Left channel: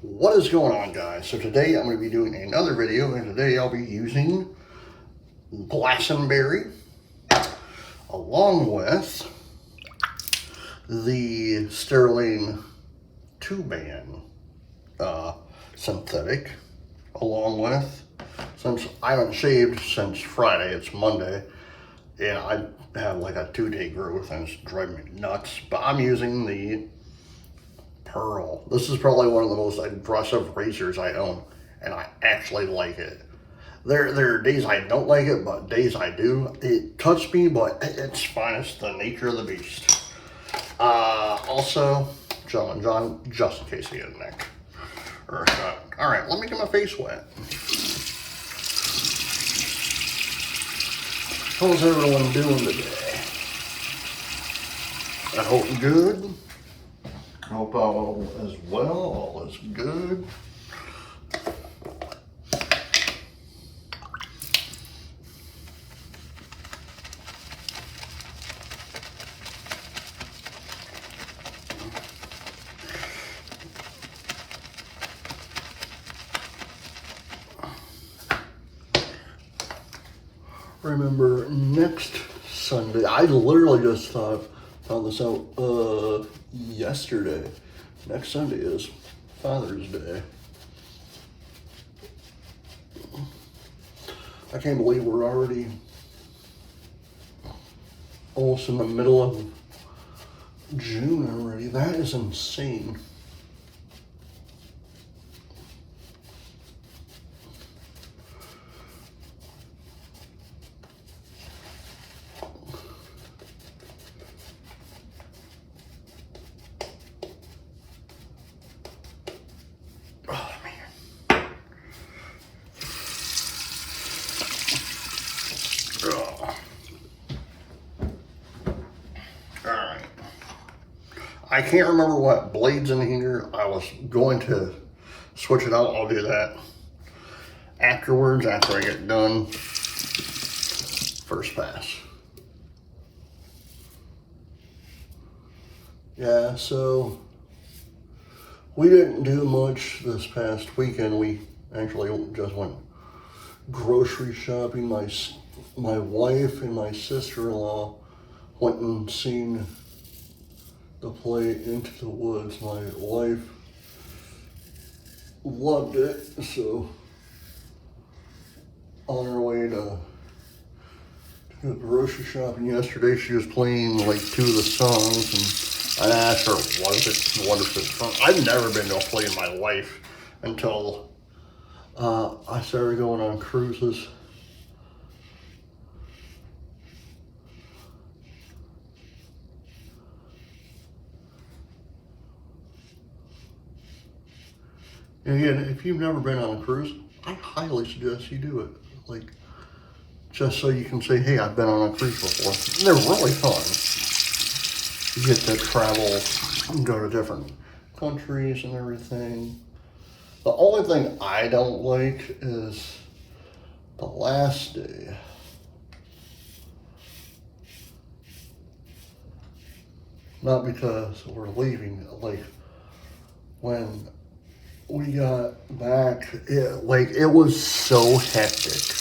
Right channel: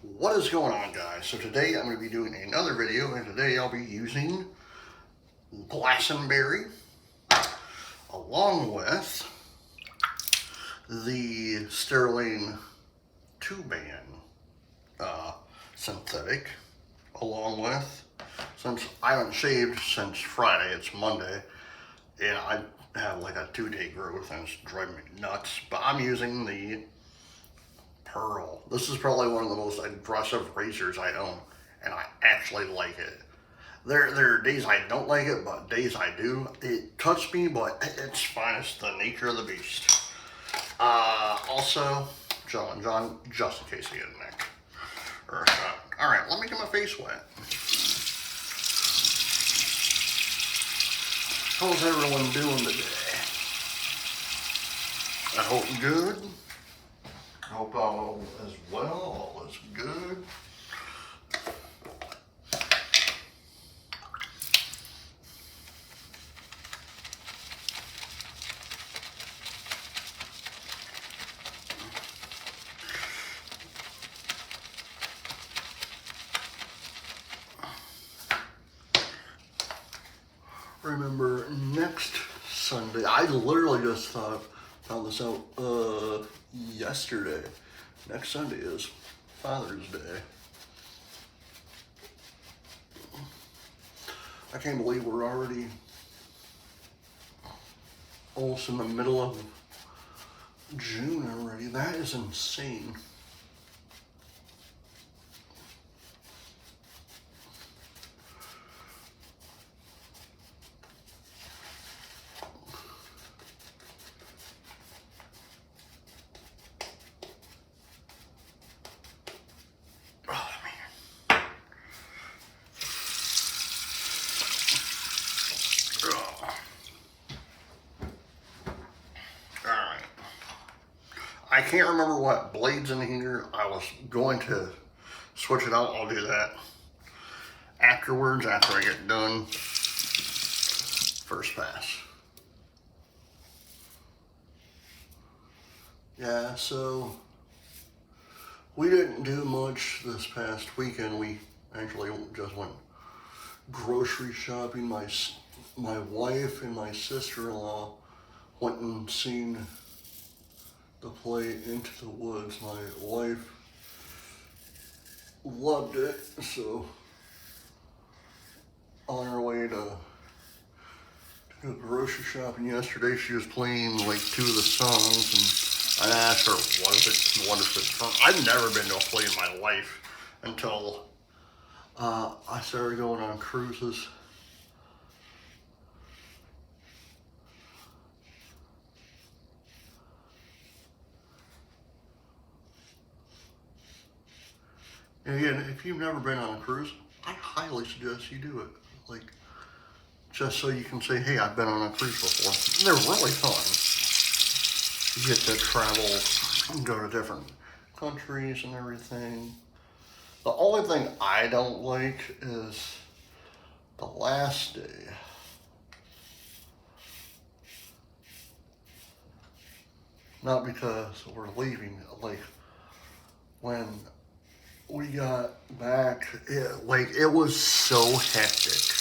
What is going on, guys? So today I'm going to be doing another video, and today I'll be using Glastonbury along with the Stirling 2-band synthetic, along with, since I haven't shaved since Friday, it's Monday, and I have like a 2-day growth and it's driving me nuts, but I'm using the Pearl. This is probably one of the most aggressive razors I own, and I actually like it. There are days I don't like it, but days I do. It cuts me, but it's fine. It's the nature of the beast. Also, John, just in case you get a neck or a shot. All right, let me get my face wet. How's everyone doing today? I hope good. I hope all is well, all is good. Remember, next Sunday, I literally just found this out yesterday. Next Sunday is Father's Day. I can't believe we're already almost in the middle of June already. That is insane. Alright. I can't remember what blades in here. I was going to switch it out. I'll do that afterwards, after I get done. First pass. Yeah, so we didn't do much this past weekend. We actually just went grocery shopping. My wife and my sister-in-law went and seen the play Into the Woods. My wife loved it, so on her way to go grocery shopping yesterday, she was playing like 2 of the songs, and I asked her, what is it from? I've never been to a play in my life until I started going on cruises. And again, if you've never been on a cruise, I highly suggest you do it. Like, just so you can say, hey, I've been on a cruise before. They're really fun. You get to travel and go to different countries and everything. The only thing I don't like is the last day. Not because we're leaving, like when we got back, it was so hectic.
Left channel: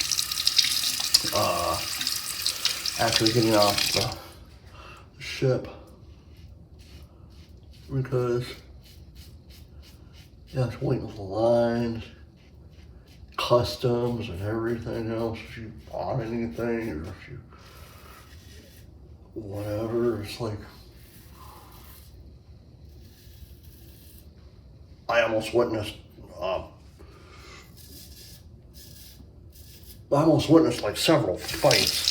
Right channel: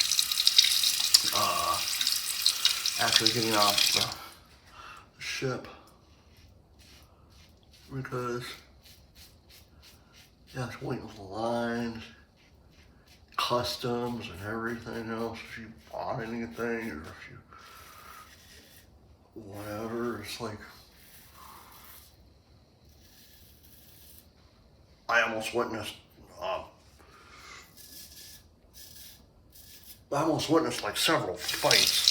After getting off the ship, because it's waiting for lines, customs, and everything else. If you bought anything or if you whatever, it's like I almost witnessed like several fights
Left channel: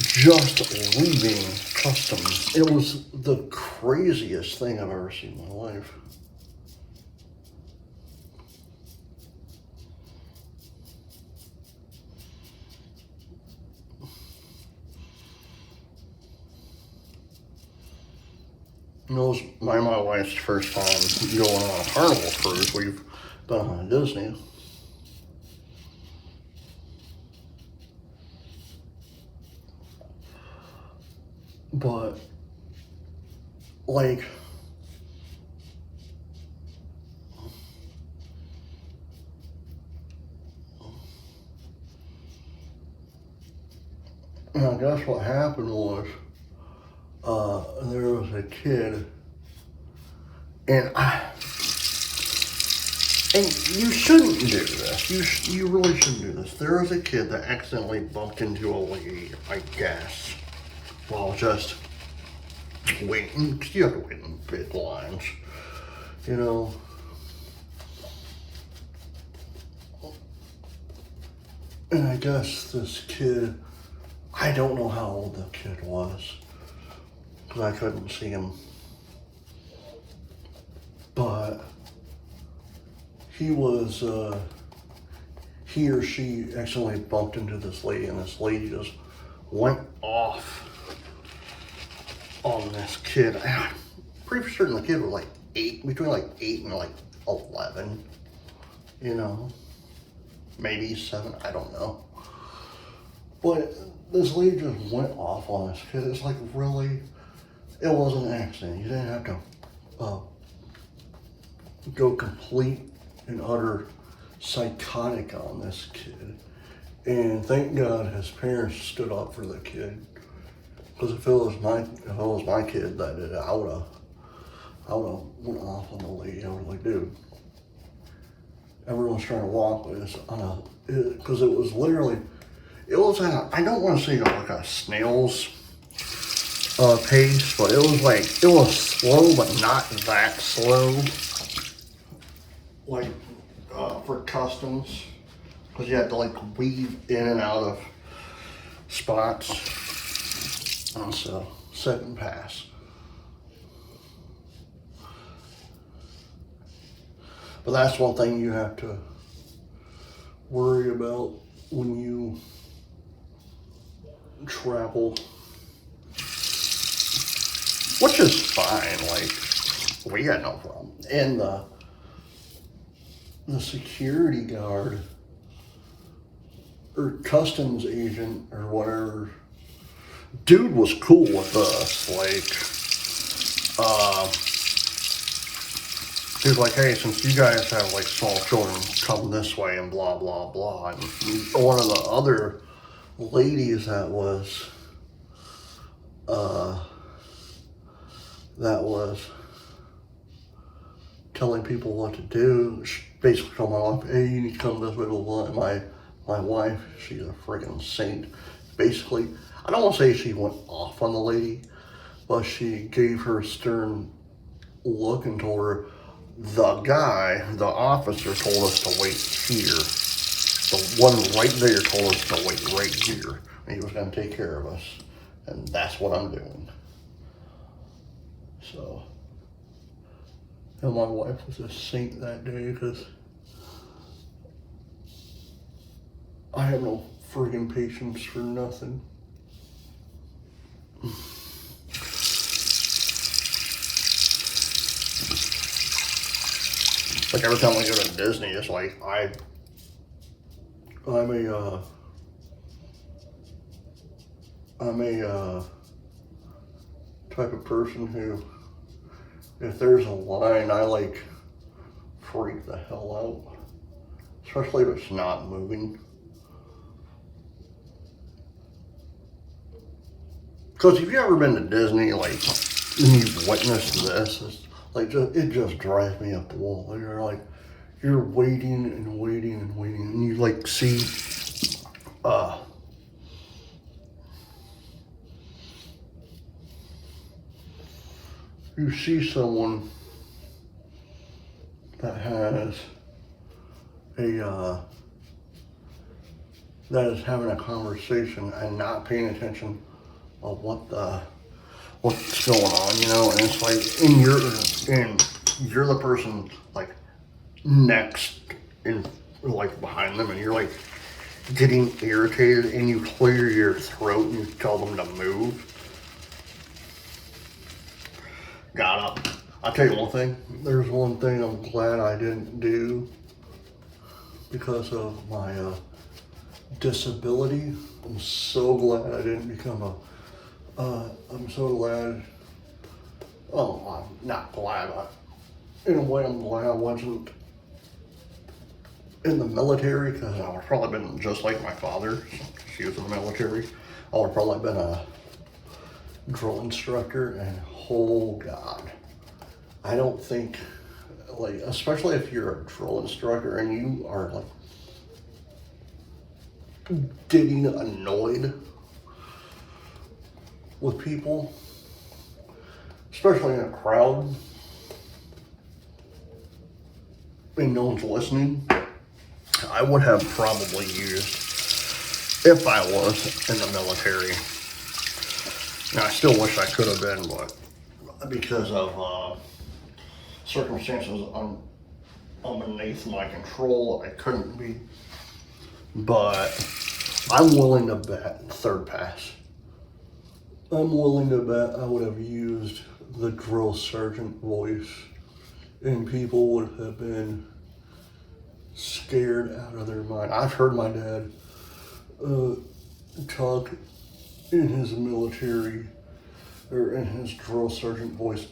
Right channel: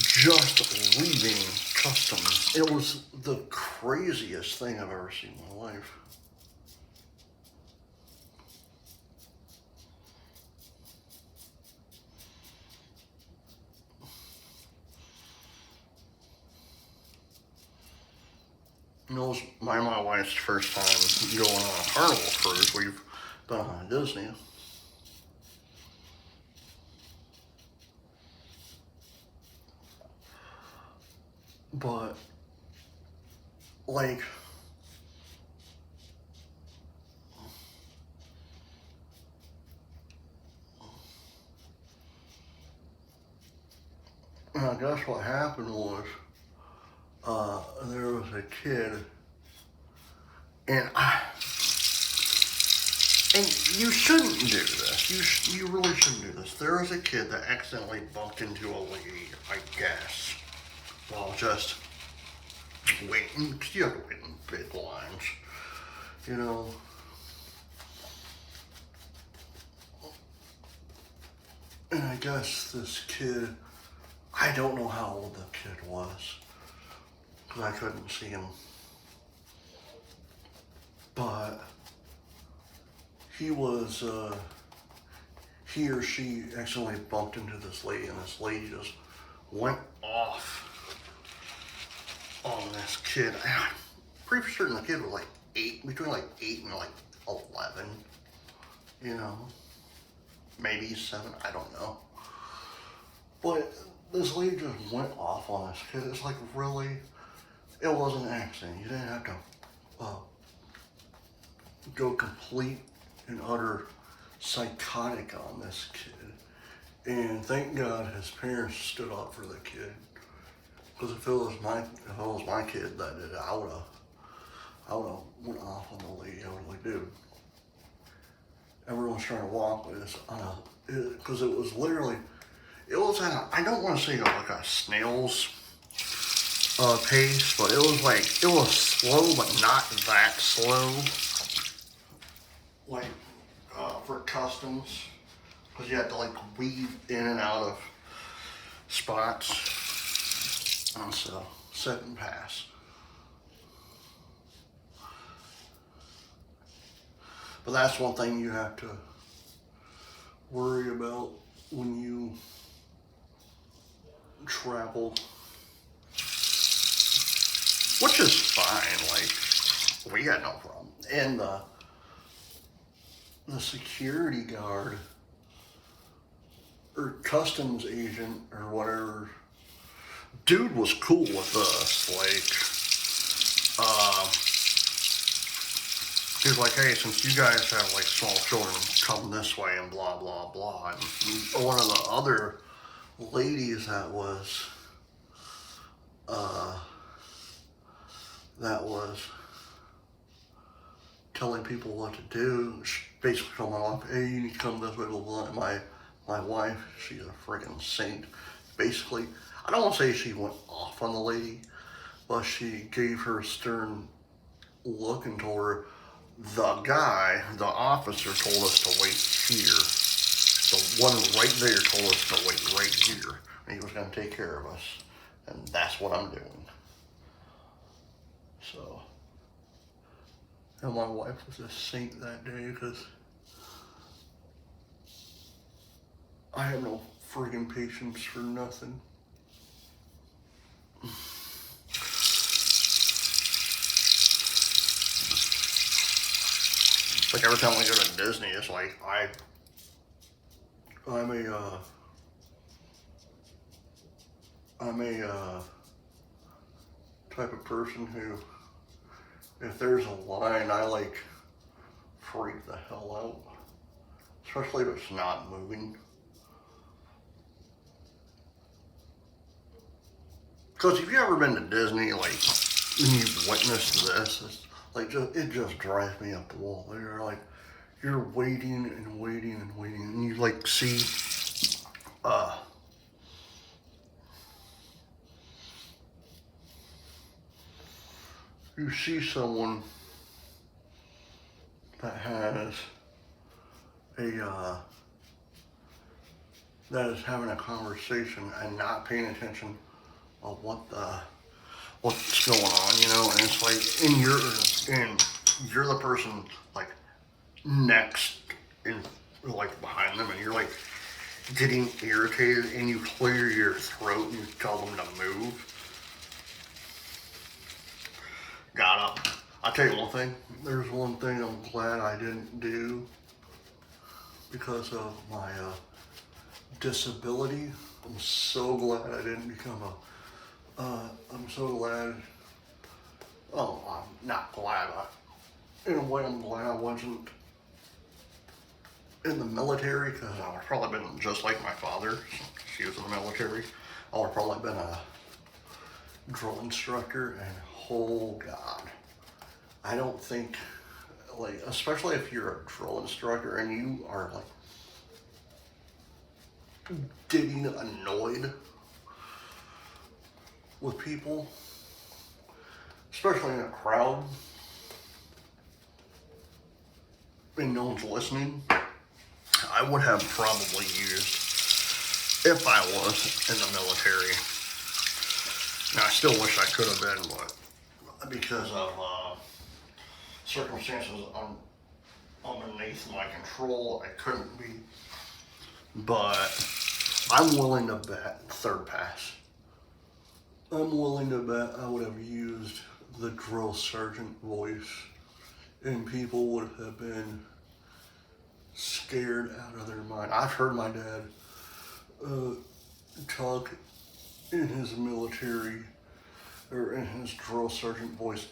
just leaving customs. It was the craziest thing I've ever seen in my life. It was my and my wife's first time going on a Carnival cruise. We've been on Disney. But, like, I guess what happened was, there was a kid, and you shouldn't do this. You really shouldn't do this. There was a kid that accidentally bumped into a lady, I guess, while just waiting. 'Cause you have to wait in big lines, you know. And I guess this kid, I don't know how old the kid was, because I couldn't see him. But he or she accidentally bumped into this lady, and this lady just went off on this kid. I'm pretty certain the kid was like between like 8 and like 11, you know, maybe 7, I don't know. But this lady just went off on this kid. It's like, really, it wasn't an accident. You didn't have to go complete and utter psychotic on this kid. And thank God his parents stood up for the kid. Because if it was my kid that did it, I would have went off on the lady. I would have like, dude, everyone's trying to walk with this because it was literally, it was I don't want to say like a snail's pace, but it was slow, but not that slow. Like for customs, because you had to like weave in and out of spots, and so second pass. But that's one thing you have to worry about when you travel, which is fine. Like, we got no problem. And the security guard or customs agent or whatever, dude was cool with us. Like, he was like, hey, since you guys have like small children, come this way and blah, blah, blah. And one of the other ladies that was telling people what to do, basically coming off, hey, you need to come this way, blah, blah, blah. My wife, she's a freaking saint. Basically, I don't want to say she went off on the lady, but she gave her a stern look and told her, the officer told us to wait here. The one right there told us to wait right here. And he was going to take care of us. And that's what I'm doing. So, and my wife was a saint that day because I have no friggin' patience for nothing. Like every time we go to Disney, it's like I'm a type of person who, if there's a line, I like freak the hell out, especially if it's not moving. Because if you've ever been to Disney, like, and you've witnessed this, it's like, it just drives me up the wall. You're waiting and waiting and waiting, and you like see, you see someone that has that is having a conversation and not paying attention of what's going on, you know, and it's like, and you're the person like next in like behind them, and you're like getting irritated, and you clear your throat and you tell them to move. Got up. I'll tell you one thing. There's one thing I'm glad I didn't do because of my disability. I'm so glad I didn't become I'm so glad, I'm not glad, in a way I'm glad I wasn't in the military, because I would have probably been just like my father. She was in the military. I would have probably been a drill instructor, and oh God, I don't think, like, especially if you're a drill instructor and you are like getting annoyed with people, especially in a crowd, and no one's listening, I would have probably used, if I was in the military. Now, I still wish I could have been, but because of circumstances underneath my control, I couldn't be. But I'm willing to bet third pass. I'm willing to bet I would have used the drill sergeant voice, and people would have been scared out of their mind. I've heard my dad talk in his military or in his drill sergeant voice.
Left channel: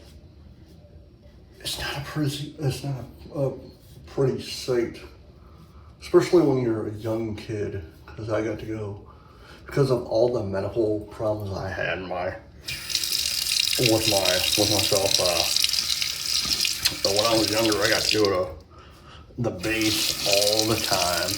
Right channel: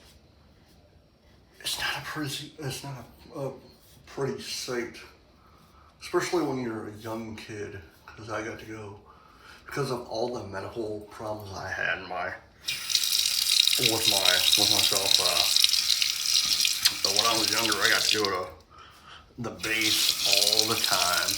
It's not a pretty sight, especially when you're a young kid. Because I got to go, because of all the medical problems I had with myself. But when I was younger, I got to go to the base all the time.